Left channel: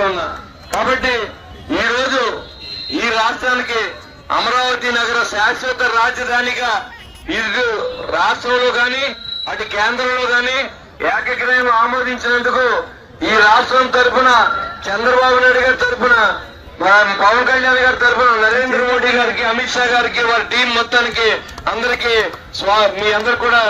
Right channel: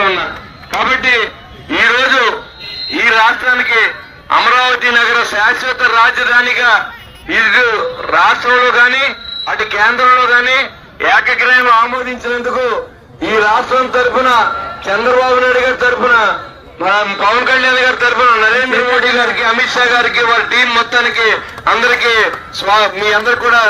తెలియజేస్తా ఉన్నా. కాబట్టి ఈ రోజు ఈ రాష్ట్రానికి అమరావతి నగర శాశ్వత రాజధానిగా ఇటు రాష్ట్రంలో గాని అటు కేంద్రంలో గాని ఏకగ్రీవం ఆమోదించినందుకు ఈ రాష్ట్రం తరఫున చంద్రబాబు నాయుడు గారి తరఫున పవన్ కళ్యాణ్ గారి తరఫున నరేంద్ర మోడీ గారికి అమిత్ షా గారికి వారి టీం మొత్తానికి అందరికీ మీ అందరు కూడా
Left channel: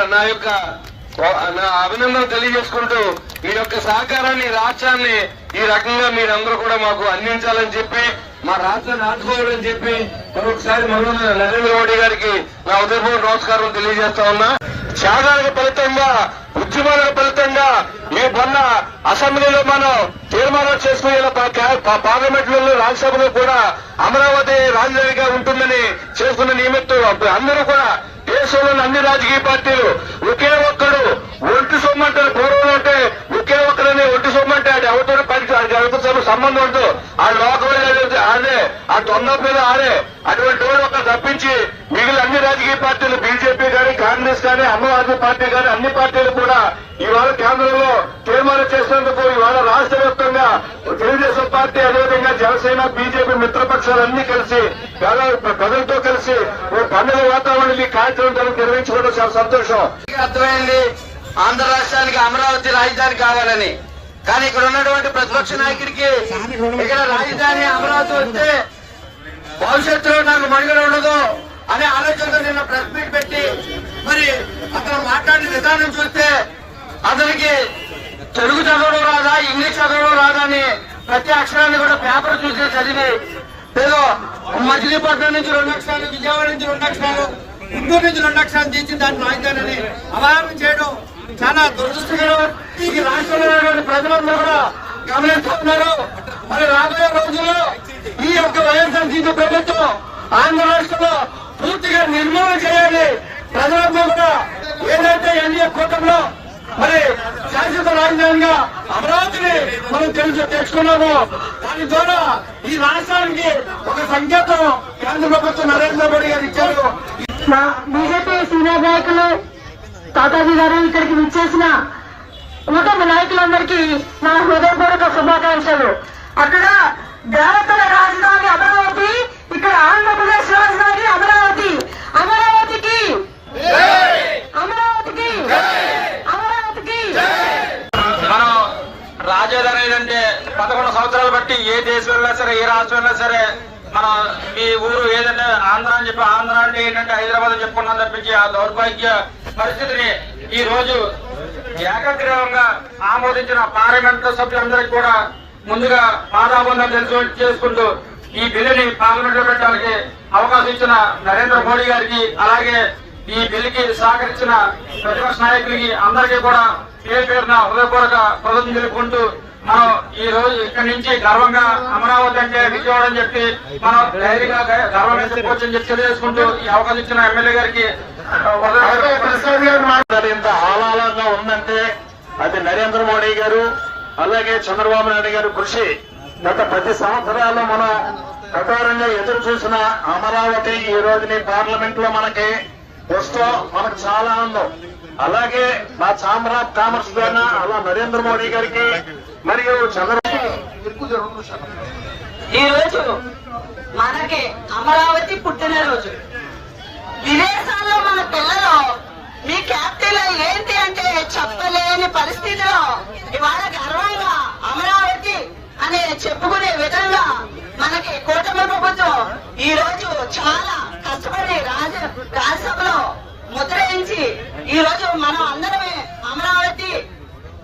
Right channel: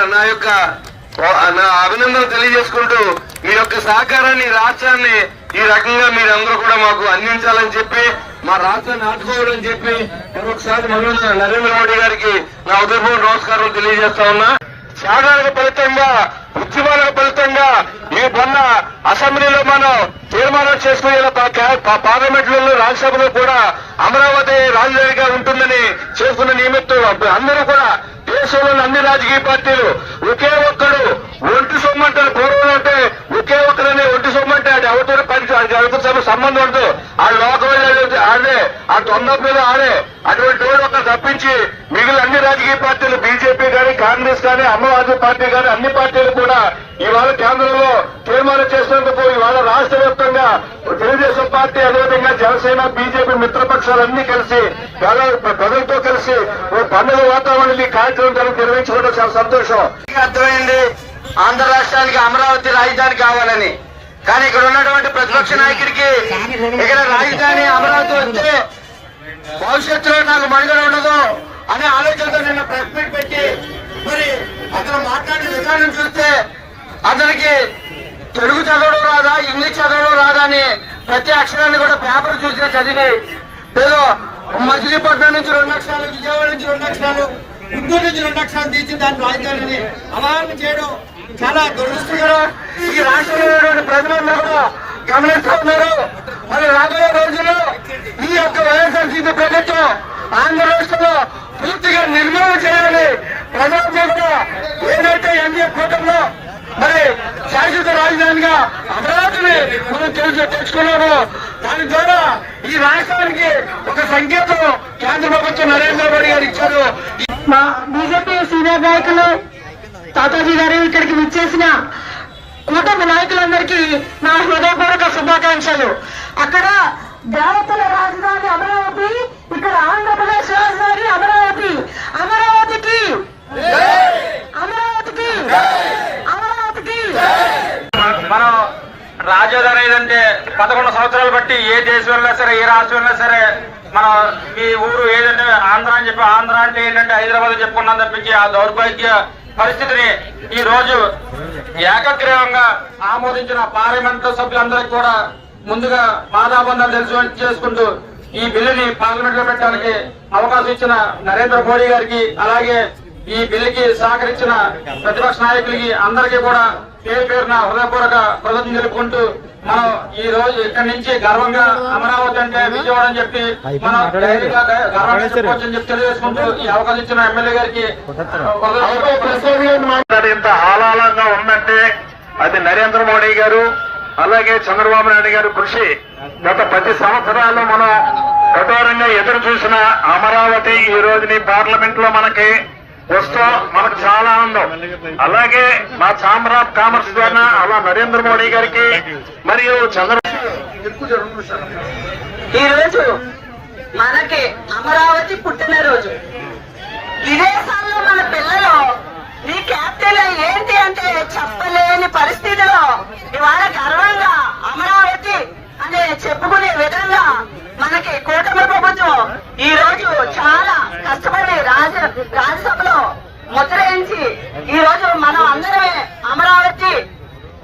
నా అభినందనలు తెలియజేసుకుంటూ మీ యొక్క సహకారాన్ని రాష్ట్రాన్ని ఈ రకంగా మీరందరూ కూడా మాకు అందించాలని చెప్పి మా రాష్ట్రాన్ని ఆదుకోవాలని చెప్పి మరొకసారి నరేంద్ర మోడీ గారికి నా ఉదయపూర్వక నమస్కారం తెలియజేస్తా ఉన్నా. త్యాగాలకు ఫలితంగా ఉద్యమాలకు ఫలితంగా ఈ మొన్న అసెంబ్లీలో మనం తీర్మానం చేసుకునే పార్లమెంట్ లో రాజ్యసభలో కూడా అమరావతి రాజధానిగా ఉంటుందని చేసుకున్న నిమిత్తం అందరూ కూడా దేశంలోని అన్ని రాజకీయ పార్టీలు ఒకే ఒక్కరు ఒడ్డు సొమ్మంటారు. పూర్వం అంటే ఒకే ఒక్కరని ఒడ్డు సొమ్మంటే అది ఎవరితో సంబంధం ఉండదు. ఆ లోకల్ ఆడే ఆ తొందరలో ఆడే అటువంటి వాళ్ళు ఒక తప్పించి మిగిలిన అన్ని రాజకీయ పార్టీలు బీజేపీ కానీ కాంగ్రెస్ కానీ ఆమ్ ఆద్మీ పార్టీ కానీ అన్ని పార్టీలు కూడా ఇవాళ కేంద్రంలో తీర్మానం చేసినందుకు ఇవాళ రాష్ట్ర వ్యాప్తంగా తెలుగుదేశం పార్టీ అదేవిధంగా జనసేన బీజేపీ మిత్రపక్షాలన్నీ కలిసి ప్రజలతో కలిసి పండుగ వాతావరణాన్ని కార్యక్రమం నిర్వహించుకోవడం చాలా సంతోషం. అర్థమైంది ఆంధ్ర రాష్ట్రానికి అమరావతి రాజధాని కావాలని. కానీ ఇక్కడ ఉన్నటువంటి ప్రతిపక్ష నాయకుడికి ఇక్కడ రాజధాని అమరావతి వస్తే భవిష్యత్తులో నాకు మనుగడ ఉండదు అనే ఆలోచనతో నిన్న ప్రెస్ మీట్ పెట్టి మరి అతను మాట్లాడిన విధానం చూస్తే అతనికి తెలుగు చదవడం రాదా ఇంగ్లీష్ చదవడం రాదా అని ప్రతి అక్షరాన్ని కూడా పేపర్ చూసి చదివి ఏదో మచిలీపట్నం నుంచి 2 లక్షలు విజయవాడ నుంచి 2 లక్షలు ఇంకోటి నుంచి 2 లక్షలు తీసి దాని రాజధానిని అమలు చేయడం చాలా దురదృష్టకరం. ఈ రాష్ట్రంలో ప్రజలందరూ కూడా గమనిస్తూ ఉన్నారు. మరి రాబోయే రోజుల్లో ఈ యొక్క వైఎస్ఆర్సీపీ ప్రభుత్వం ఆంధ్ర రాష్ట్రంలో పూర్తిగా నిర్మూలన చేయాలి. ప్రజలందరూ కూడా ఏదైతే ఎన్డీఏ కూటమిలో మరి శాశ్వత రాజధానిగా అమరావతిని మనం తెచ్చుకున్నాము. దాని ద్వారా ఈ రాష్ట్రానికి ఒక సంకేతం కేంద్ర ప్రభుత్వం నరేంద్ర మోడీ గారు ఇచ్చారు. బీజేపీ సీనియర్ నాయకులు తాతాజీ గారు ఇక్కడికి విచ్చేసిన కూటమి నాయకులందరికీ నా హృదయపూర్వక శుభాకాంక్షలు. అక్కడ దేవతల రాజధాని అమరావతి, ఇక్కడ ఆంధ్రప్రదేశ్ రాజధాని అమరావతి. అమరావతికి అమరావతికి అమరావతికి రాజధాని అంటే 11 సంవత్సరాలు బట్టి ఏ దేశం ఉన్నా సరే ఏ రాజ్యం ఉన్నా సరే మనం ఈ ఊరు ఏదంటే ఆంధ్ర అని చెప్పి ఆంధ్ర అంటే ఏంటంటే హైదరాబాద్ చెప్పుకున్నాం తప్పించి ఆ దౌర్భాగ్య పరిస్థితిని ఈ రోజు ఏకగ్రీవంగా ఆమోదించిన పార్లమెంట్ సభ్యులందరికీ కూడా ముందుగా పాదాబంధాలు చేసుకుంటూ ఈ బిల్లుని పార్లమెంట్ లో పెట్టడానికి అవకాశం ఇచ్చిన నరేంద్ర మోడీ గారికి అలాగే ఈ బిల్లుకి సహకరించిన ప్రతిపక్ష నాయకులకి అందరికీ కూడా పేరు పేరున హృదయపూర్వక కృతజ్ఞతలు తెలుపుకుంటూ ఈ రోజు ఇక్కడి నుంచి గర్వంగా అమరావతి అంటే విజయవాడ అని చెప్పి తెలియజేసుకుంటూ ఈ అవకాశం ఇచ్చిన ఎమ్మెల్యే గారికి ఇంత ఆహ్లాదంగా ఉందంటే అది నరేంద్ర మోడీ గారు అలాగే చంద్రబాబు నాయుడు గారు కృషి. గత 10 సంవత్సరాలు మనం ప్రధానంగా ఎదురు చూసిన అమరావతి ఈ రోజుని పార్లమెంట్ లో మనకి వస్తాం. మనకు చాలా ఆనందం. అలాగే మా ఛాంబర్ ఆఫ్ కామర్స్ ద్వారా అలా నరేంద్ర మోడీ గారికి మరియు ఈ రోజు మనకి అమరావతి పుట్టినరోజు. విదేశాల్లో మన పిల్లలు ఈ క్యాపిటల్ ఏంటి అంటే చెప్పలేని పరిస్థితిలో ఇవాళ గర్వంగా అమరావతి అనే చెప్పుకునే విధంగా మనకి కూటమి ప్రభుత్వం ఈ రోజు చాలా కష్టపడి రాజ్యసభలో ముద్రయించి ఈ రోజు మనం అందరమే అమరావతి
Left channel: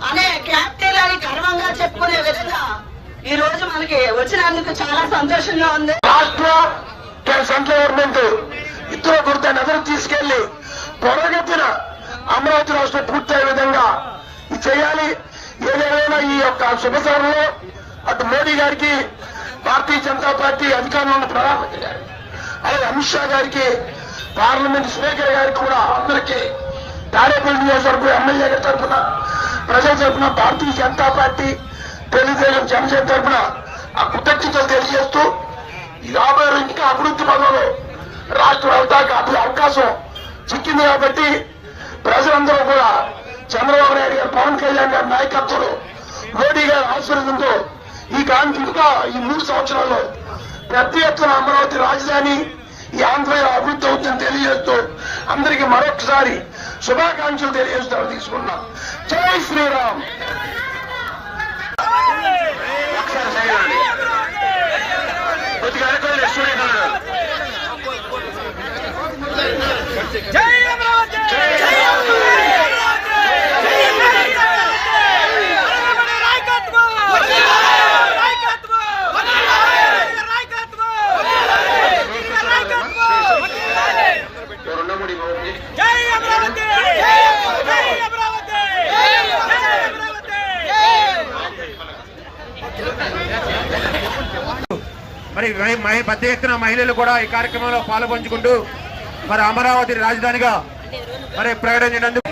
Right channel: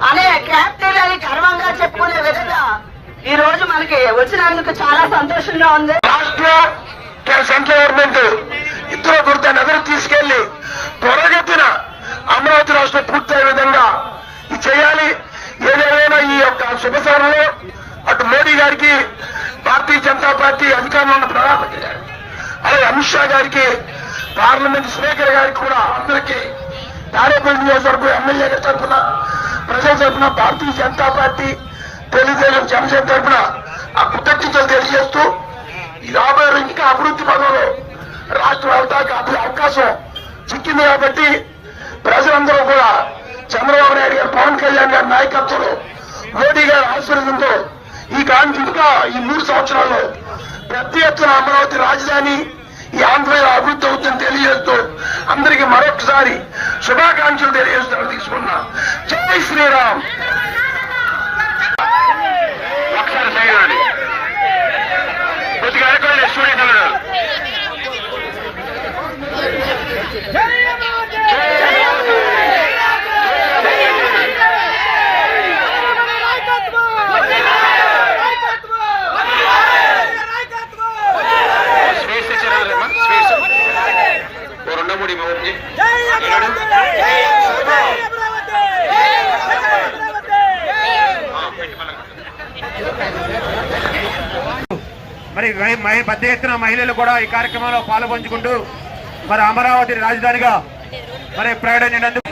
అనే క్యాపిటల్ అని గర్వంగా చెప్పుకునే విధంగా ఈ రోజు మనకి వచ్చినందుకు చాలా సంతోషంగా ఉంది. సెంట్రల్ గవర్నమెంట్ ఇద్దరు కొడతాను అందరూ తీసుకెళ్లి త్వరగతిన అమరావతి రాష్ట్రం పూర్తయ్యే విధంగా చేయాలి. ఏదేమైనా ఈ యొక్క శుభసారంలో అటు మోడీ గారికి భారతీయ జనతా పార్టీ అధికారంలో ప్రధానమంత్రి అలాగే అమిత్ షా గారికి పార్లమెంట్ స్పీకర్ గారికి కూడా అందరికీ తాడేపల్లి నియోజకవర్గం ఎమ్మెల్యే తరఫున ప్రజల తరఫున భారతీయ జనతా పార్టీ తెలుగుదేశం జనసేన తరఫున ఆ కృతజ్ఞతలు తెలియజేస్తూ రాబోయే ఇంకా అభివృద్ధి పనులు రాష్ట్ర వ్యాప్తంగా అవకాశం చిక్కింది కాబట్టి ప్రజలందరూ కూడా చంద్రబాబు నాయుడు గారు పవన్ కళ్యాణ్ గారి నాయకత్వంలో మోడీ గారి ఆశీర్వాదంతో ఈ గాంధీ ఈ 3 సంవత్సరాల్లో పెద్ద ఎత్తున అమరావతి రాజధాని ఈ ఆంధ్రలో అభివృద్ధి అవుతుందని తెలియజేస్తూ అందరికీ మరొకసారి శుభాకాంక్షలు తెలియజేస్తూ తీసుకున్నా. జై శ్రీరామ్. ఒకసారి చేయాలి కొద్దిగా అనుకోండి స్టూడెంట్ మరి పెద్ద ఎత్తున మహిళలు కూడా ఈ కార్యక్రమంలో పాల్పంచుకుంటూ మరి అమరావతి రాజధానిగా మరి ప్రకటించినందుకు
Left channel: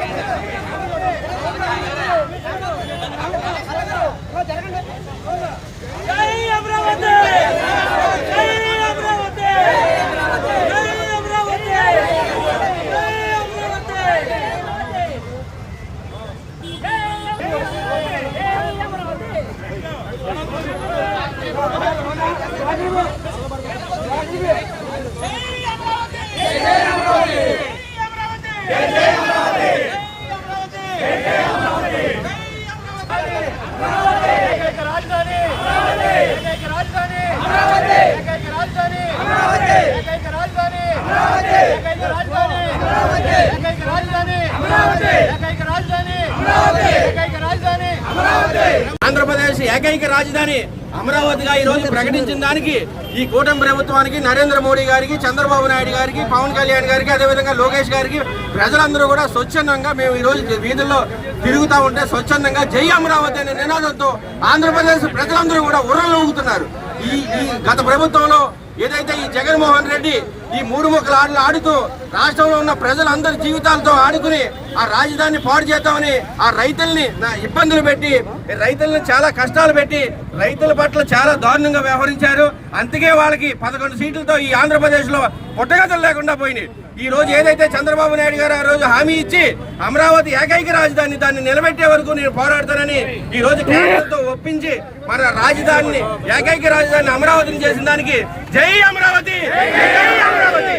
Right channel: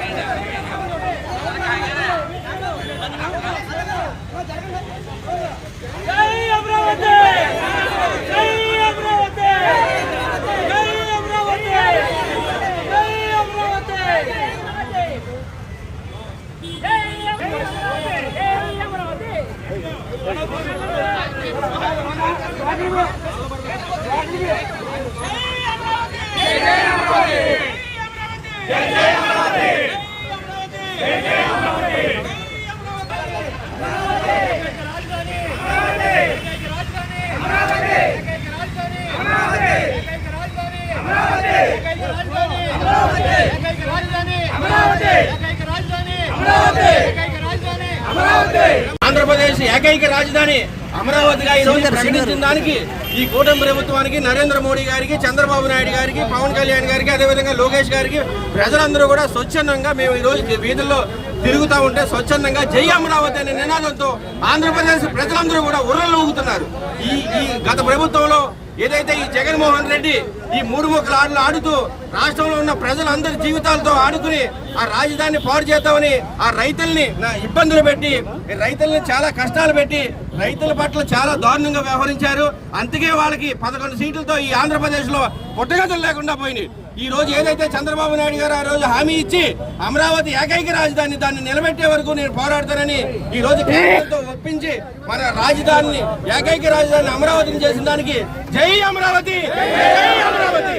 ఆంధ్రప్రదేశ్ ఏకైక రాజధాని అమరావతిగా ఈ రోజు ప్రకటించిన దానికి ఈ కూటమి ప్రభుత్వానికి, నరేంద్ర మోడీ గారికి, చంద్రబాబు నాయుడు గారికి, పవన్ కళ్యాణ్ గారికి, అదేవిధంగా లోకేష్ గారికి ప్రజలందరూ కూడా స్వచ్ఛందంగా మేము ఈ రోజు వీధుల్లో తిరుగుతూ ఉంటే స్వచ్ఛందంగా జై అమరావతి అనే నినాదంతో ఆంధ్రప్రదేశ్ ప్రజలందరూ కూడా ఉర్రలు ఊగుతున్నారు. ఈ గత ప్రభుత్వంలో ఏదైతే ఈ జగన్మోహన్ రెడ్డి ఈ 3 ముక్కల ఆటలు ఆడుతూ రాష్ట్రంలో ఉన్న ప్రజలందరి జీవితాలతో ఆడుకుని ఆ రాజధానిని పాడు చేద్దామని ఆ రైతుల్ని ఇబ్బందులు పెట్టి రైతుల్ని చాలా కష్టాలు పెట్టి రైతుల పట్ల చాలా దారుణంగా వ్యవహరించారు. అందుకే వాళ్ళకి 11 సీట్లతో ఈ ఆంధ్రప్రదేశ్ లో పుట్టగతులు లేకుండా పోయినాయి. ఈ రోజు ఏదైతే చంద్రబాబు నాయుడు గారు ఆ రోజు హామీ ఇచ్చి అమరావతి ఏకైక రాజధాని దాన్ని నిలబెట్టే వరకు నేను పోరాడతానని ఈ రోజు కేంద్రంతో ఒప్పించి మన రాజధానిని ఏకైక రాజధాని అమరావతిని చేసిన దానికి జై అమరావతి, జై అమరావతి.